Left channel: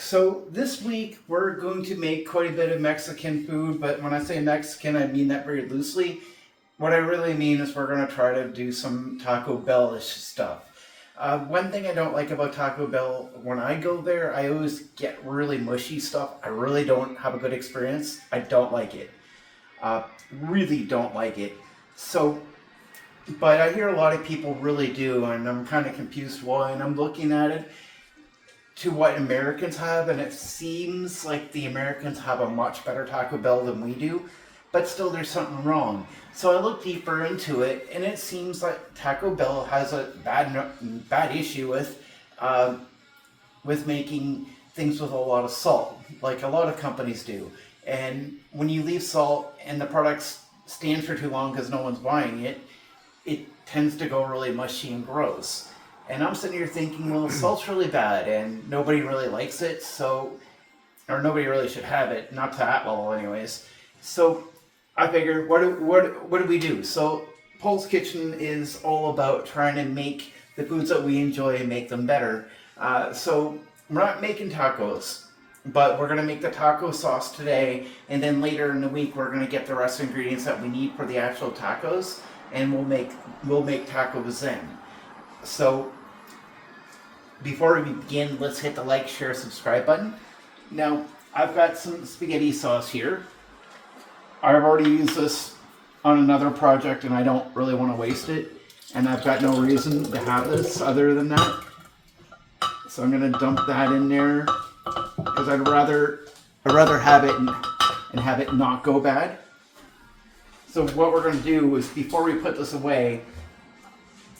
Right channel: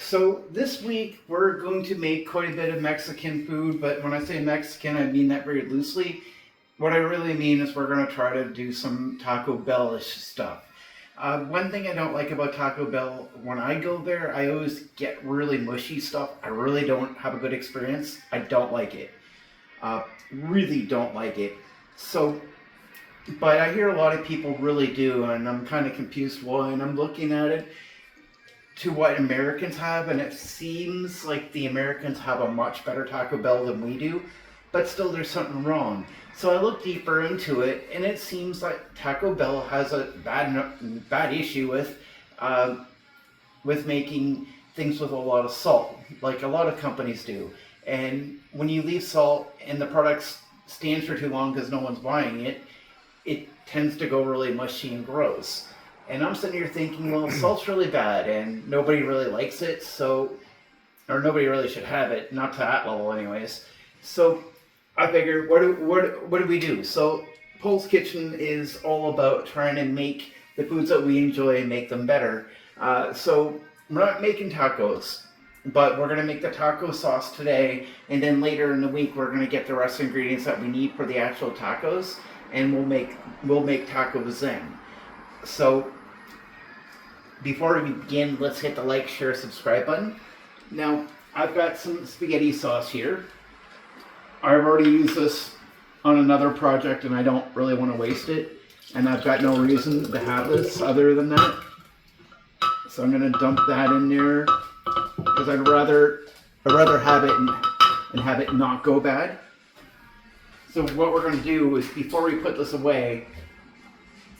back. So this week we're going to make quite a bit of Mexican food, but when I say Mexican, I mean that very loosely. What I really mean is we're going to try to do some Taco Bell-ish stuff. One thing I don't like about Taco Bell, when I go there, I always get really mushy stuff. I really don't have a good experience. I don't like it. Really don't like it. So, but I hear a lot of people really do, and I'm kind of confused why, and I'm looking at it to what Americans have, and it seems like the Americans have a much better Taco Bell than we do, but still there's something wrong. So I looked deeper into it, and it seems like Taco Bell has a bad issue with making things with a lot of salt, like a lot of companies do. And when you leave salt and the product stands for too long because no one's buying it, it tends to go really mushy and gross. And I'm sitting here thinking, well, salt's really bad and nobody really likes it, so, or nobody really should have it, not to that level anyways. So I figured, what do we do? So Poul's Kitchen is all about trying to make the foods that we enjoy and make them better. So we're not making tacos, but we're going to make the taco sauce today, and then later in the week we're going to get the rest of the ingredients that we need for the actual tacos, and we'll make tacos then. So before we begin, let's hit the like, share, subscribe button. Now, I've got some spaghetti sauce here. I've already used this on another project and I don't really want to waste it. And I've got no reason to have this other than that. So I'm going to dump that in there because I'd rather have it and have it not go bad. So what we're going to do is, before we put this away,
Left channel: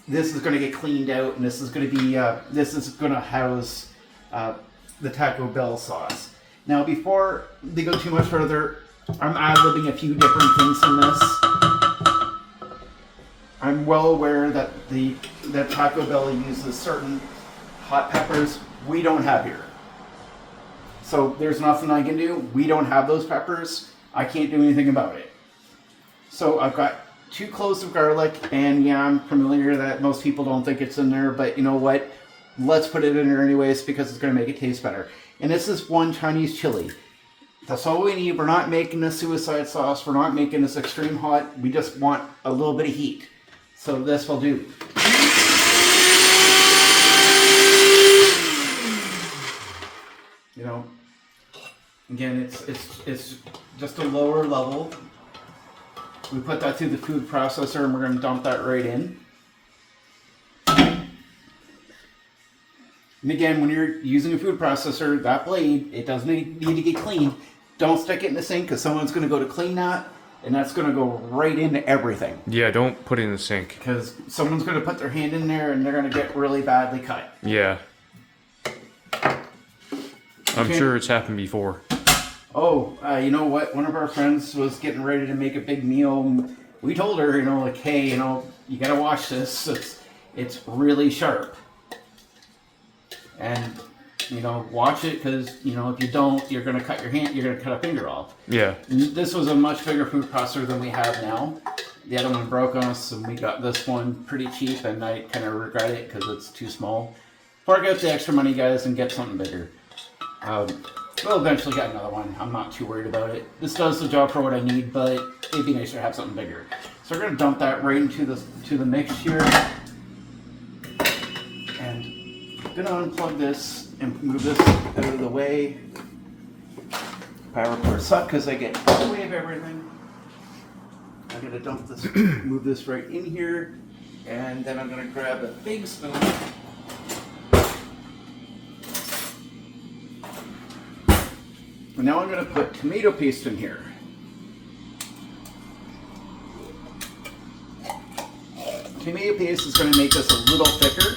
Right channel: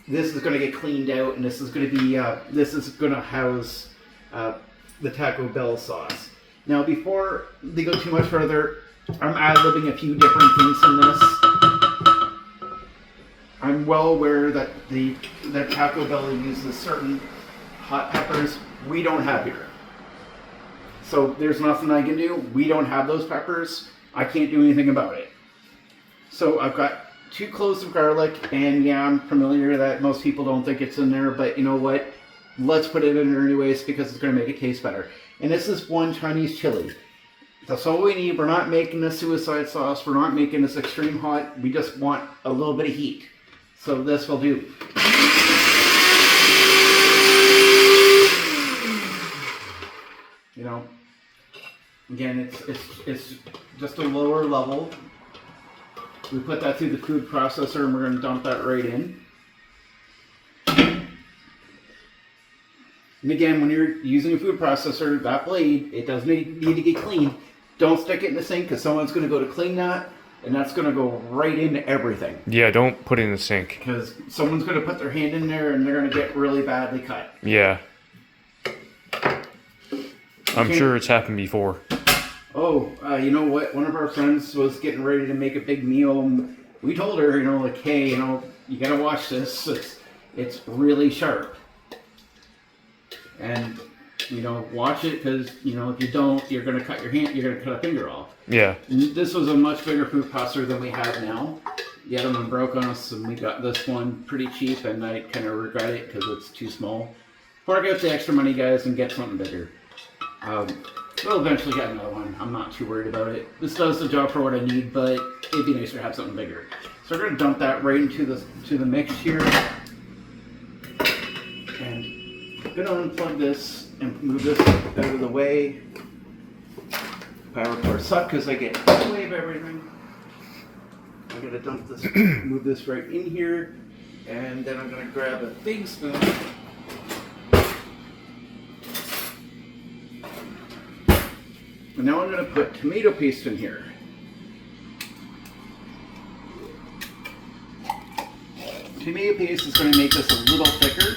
this is going to get cleaned out, and this is going to be this is going to house the Taco Bell sauce. Now, before they go too much further, I'm ad-libbing a few different things in this. I'm well aware that that Taco Bell uses certain hot peppers we don't have here. So there's nothing I can do. We don't have those peppers. I can't do anything about it. So I've got 2 cloves of garlic, and yeah, I'm familiar that most people don't think it's in there, but you know what? Let's put it in there anyways because it's going to make it taste better. And this is 1 Chinese chili. That's all we need. We're not making this suicide sauce. We're not making this extreme hot. We just want a little bit of heat. So this will do. You know, again, it's just a lower level. We put that through the food processor and we're going to dump that right in. And again, when you're using a food processor, that blade, it does need to get cleaned. Don't stick it in the sink because someone's going to go to clean that and that's going to go right into everything. Yeah, don't put it in the sink. Because someone's going to put their hand in there and they're going to get really badly cut. Yeah. I'm sure it's happened before. Oh, you know what? One of our friends was getting ready to make a big meal. And we told her, you know, like, hey, you know, you got to watch this. It's really sharp. And, you know, watch it because, you know, if you don't, you're going to cut your hand, you're going to cut a finger off. Yeah. And this was a much bigger food processor than we have now. The other one broke on us, and we got this one pretty cheap, and I kind of regret it because it's too small. Fork out the extra money, guys, and get something bigger. We'll eventually get another one. I'm not too worried about it. This does the job for what I need, but it'd be nicer to have something bigger. So we're going to dump that right into the mix here. And I'm going to unplug this and move this out of the way. Power cord suck because I get in the way of everything. I'm going to dump this, move this right in here, and then I'm going to grab a big spoon. And now I'm going to put tomato paste in here. Tomato paste is going to make this a little thicker.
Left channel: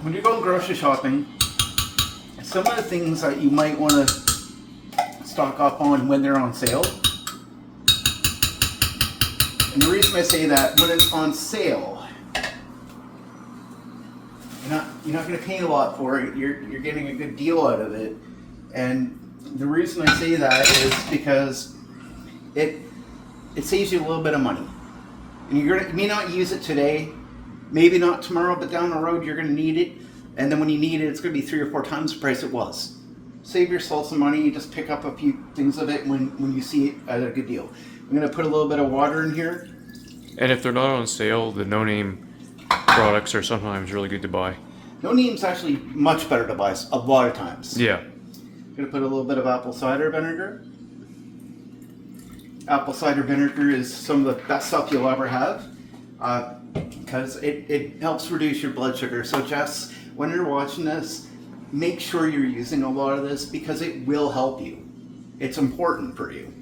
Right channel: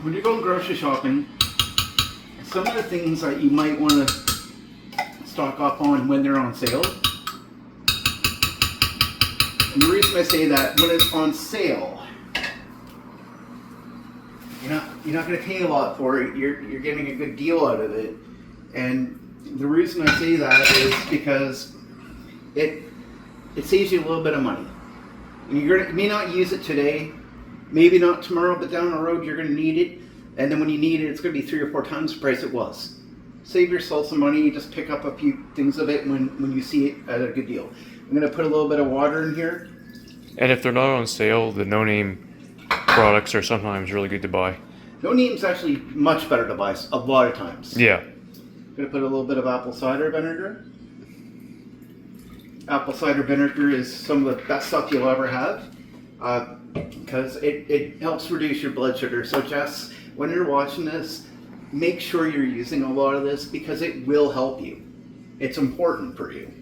When you're going grocery shopping, some of the things that you might want to stock up on when they're on sale. And the reason I say that, when it's on sale, you're not going to pay a lot for it. You're getting a good deal out of it. And the reason I say that is because it saves you a little bit of money. And you may not use it today, Maybe not tomorrow, but down the road you're going to need it. And then when you need it, it's going to be 3 or 4 times the price it was. Save yourself some money. Just pick up a few things of it when you see it at a good deal. I'm going to put a little bit of water in here. And if they're not on sale, the no-name products are sometimes really good to buy. No name's actually much better to buy a lot of times. Yeah. I'm going to put a little bit of apple cider vinegar. Apple cider vinegar is some of the best stuff you'll ever have because it helps reduce your blood sugar. So Jess, when you're watching this, make sure you're using a lot of this because it will help you. It's important for you.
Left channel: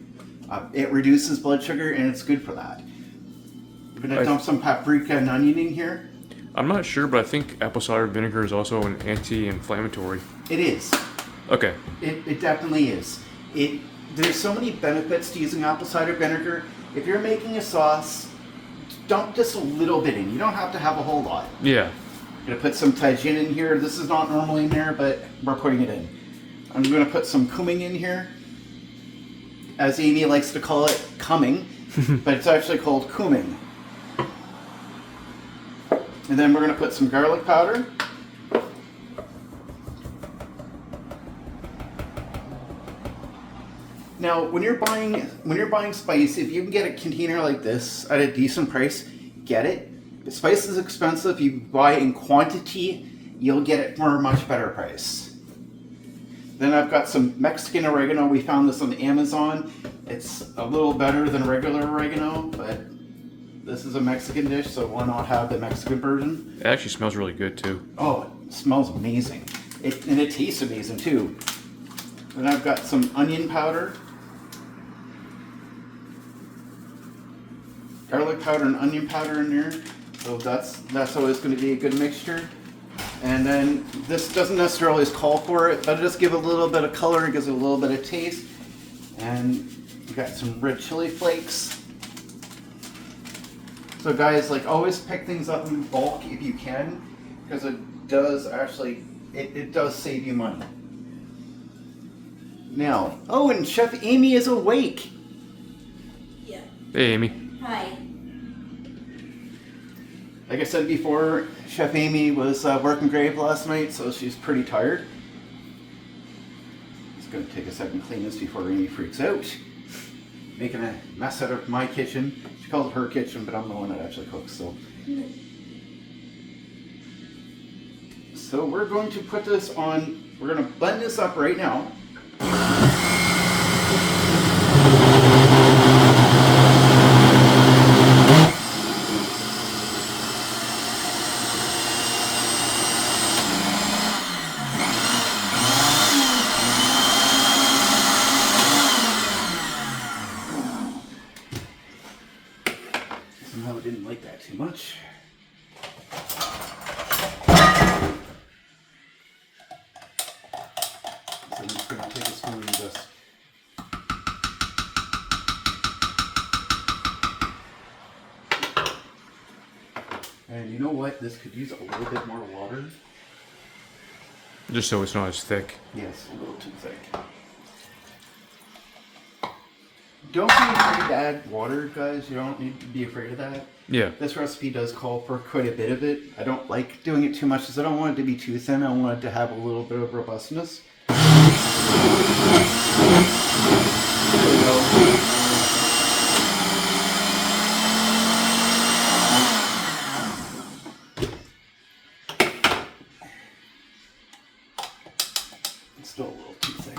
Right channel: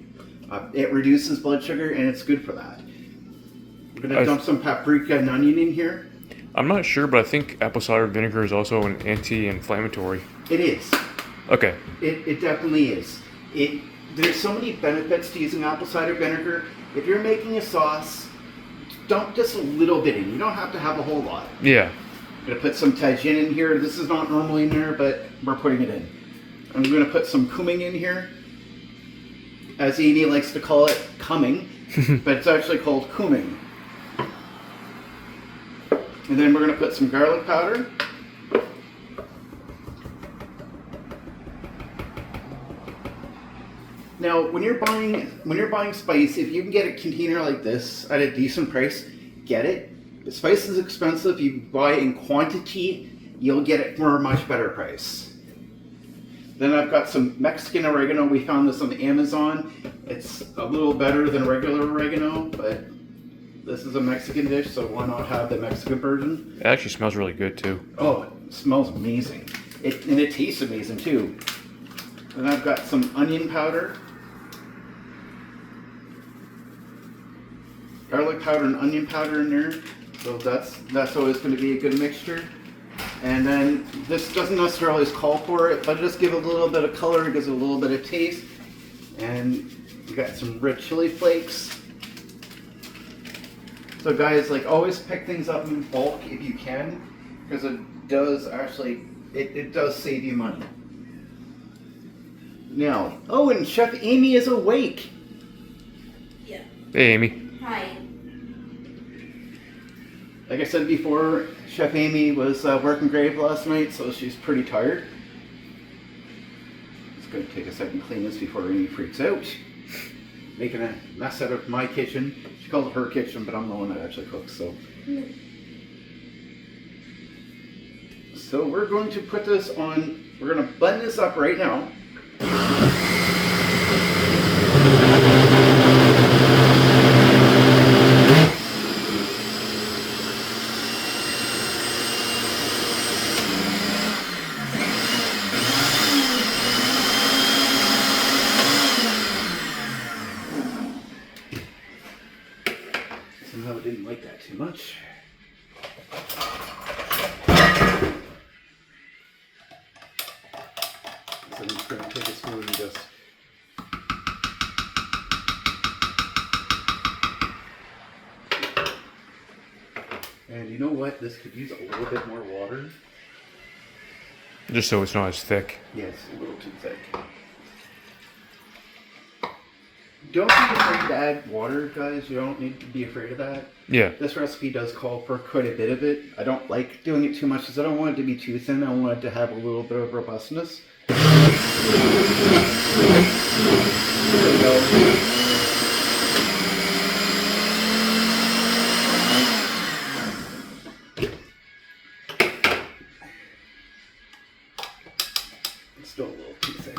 It reduces blood sugar and it's good for that. I'm going to dump some paprika and onion in here. I'm not sure, but I think apple cider vinegar is also an anti-inflammatory. It is. Okay. It definitely is. There's so many benefits to using apple cider vinegar. If you're making a sauce, dump just a little bit in. You don't have to have a whole lot. Yeah. I'm going to put some tajin in here. This is not normally in there, but we're putting it in. I'm going to put some cumin in here. As Amy likes to call it, cumming, but it's actually called cumin. And then we're going to put some garlic powder. Now, when you're buying spice, if you can get a container like this at a decent price, get it. If spice is expensive, you buy in quantity, you'll get it for a much better price. Then I've got some Mexican oregano. We found this on Amazon. It's a little better than regular oregano, but this is a Mexican dish, so why not have the Mexican version? It actually smells really good too. Oh, it smells amazing. And it tastes amazing too. Then I've got some onion powder. Garlic powder and onion powder in there. So that's always going to be a good mixture. And then this doesn't necessarily always call for it, but just give a little bit of color, it gives it a little bit of taste. And you got some red chili flakes. So guys, like always pick things up in bulk if you can, because it does actually, it does save you money. Now, oh, and Chef Amy is awake. Yeah. Hey, Amy. Hi. Like I said before, Chef Amy was working grave last night, so she's pretty tired. Just gonna take a second to clean this before Amy freaks out. Making a mess out of my kitchen. She calls it her kitchen, but I'm the one that actually cooks, so. So we're going to put this on, we're gonna blend this up right now. Somehow I didn't like that too much. So I'm just going to take a spoon and just and you know what? This could use a little bit more water. Just so it's not as thick. Yes, a little too thick. Don't be afraid to add water, guys. You don't need to be afraid of that. Yeah. This recipe does call for quite a bit of it. I don't like doing it too much because I don't want it to be too thin. I want it to have a little bit of robustness. There we go. It's still a little too thick.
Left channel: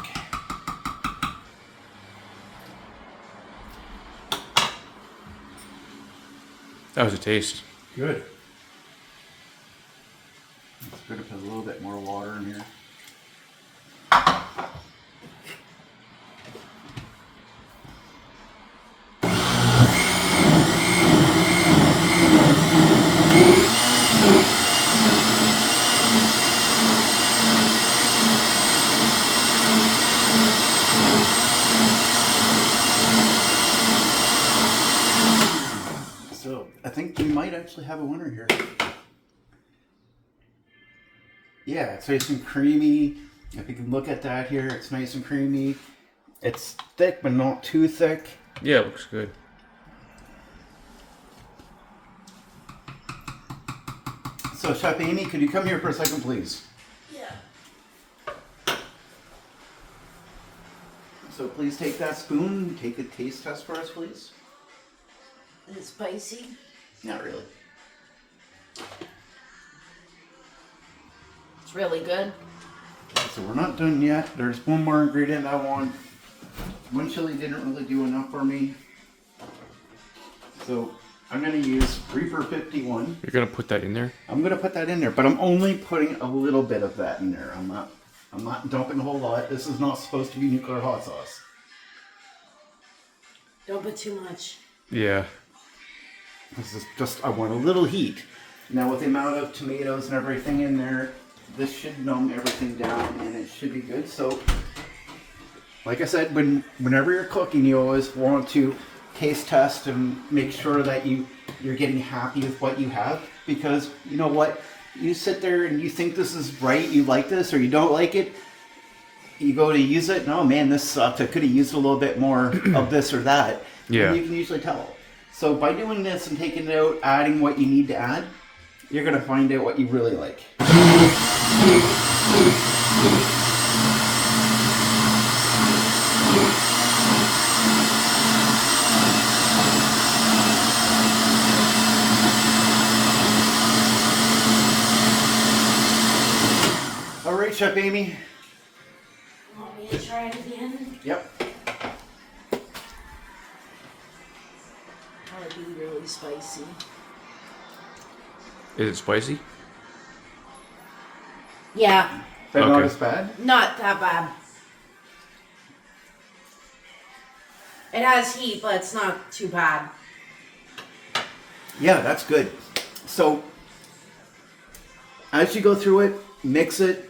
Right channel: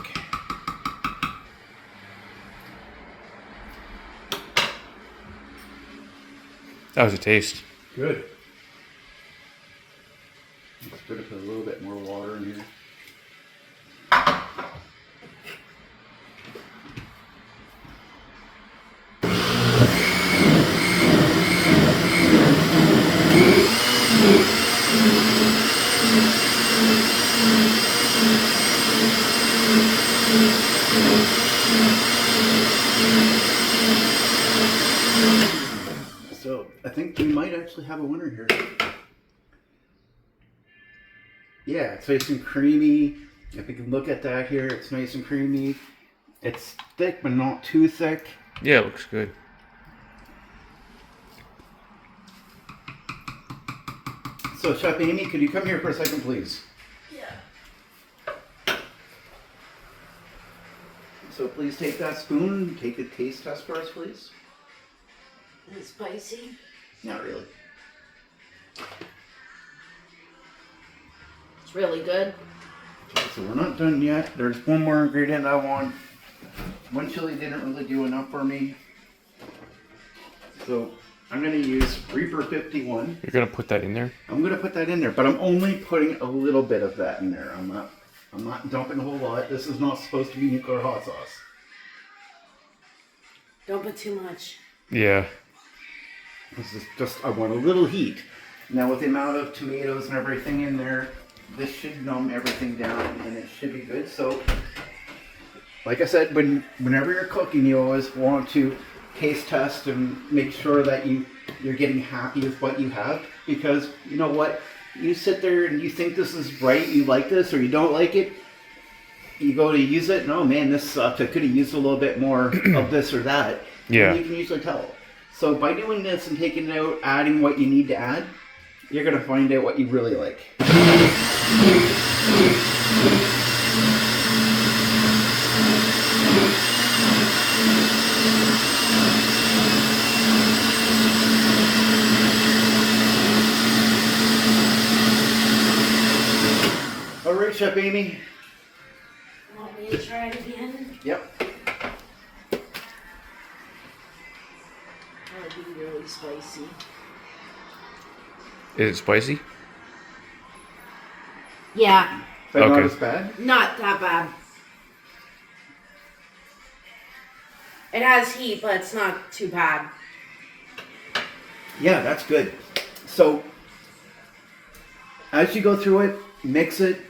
That was a taste. Good. It's good to put a little bit more water in here. So I think we might actually have a winner here. Yeah, it's nice and creamy. If you can look at that here, it's nice and creamy. It's thick, but not too thick. Yeah, it looks good. So, Chef Amy, could you come here for a second, please? Yeah. So please take that spoon, take a taste test for us, please. Is it spicy? Not really. It's really good. So we're not done yet. There's one more ingredient I want. One chili didn't really do enough for me. So I'm going to use Reaper 51. You're gonna put that in there? I'm going to put that in there, but I'm only putting a little bit of that in there. I'm not dumping a whole lot. This is not supposed to be nuclear hot sauce. Don't put too much. Yeah. This is just, I want a little heat. Now with the amount of tomatoes and everything in there, this should numb everything down and it should be good. So, like I said, whenever you're cooking, you always want to taste test and make sure that you're getting happy with what you have. Because you know what? You sit there and you think this is right, you like this, or you don't like it. You go to use it, and oh man, this sucks. I could have used a little bit more of this or that. Yeah. And you can usually tell. So by doing this and taking it out, adding what you need to add, you're going to find out what you really like. All right, Chef Amy. Want me to try it again? Yep. That would be really spicy. Is it spicy? Yeah, But not Okay. as bad. not that bad. It has heat, but it's not too bad. Yeah, that's good. So, as you go through it, mix it.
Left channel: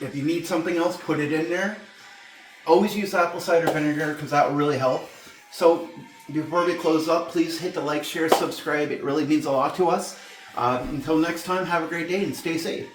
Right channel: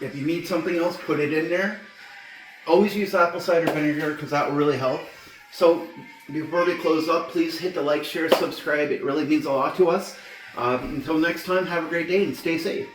If you need something else, put it in there. Always use apple cider vinegar because that will really help. So, before we close up, please hit the like, share, subscribe. It really means a lot to us. Until next time, have a great day and stay safe.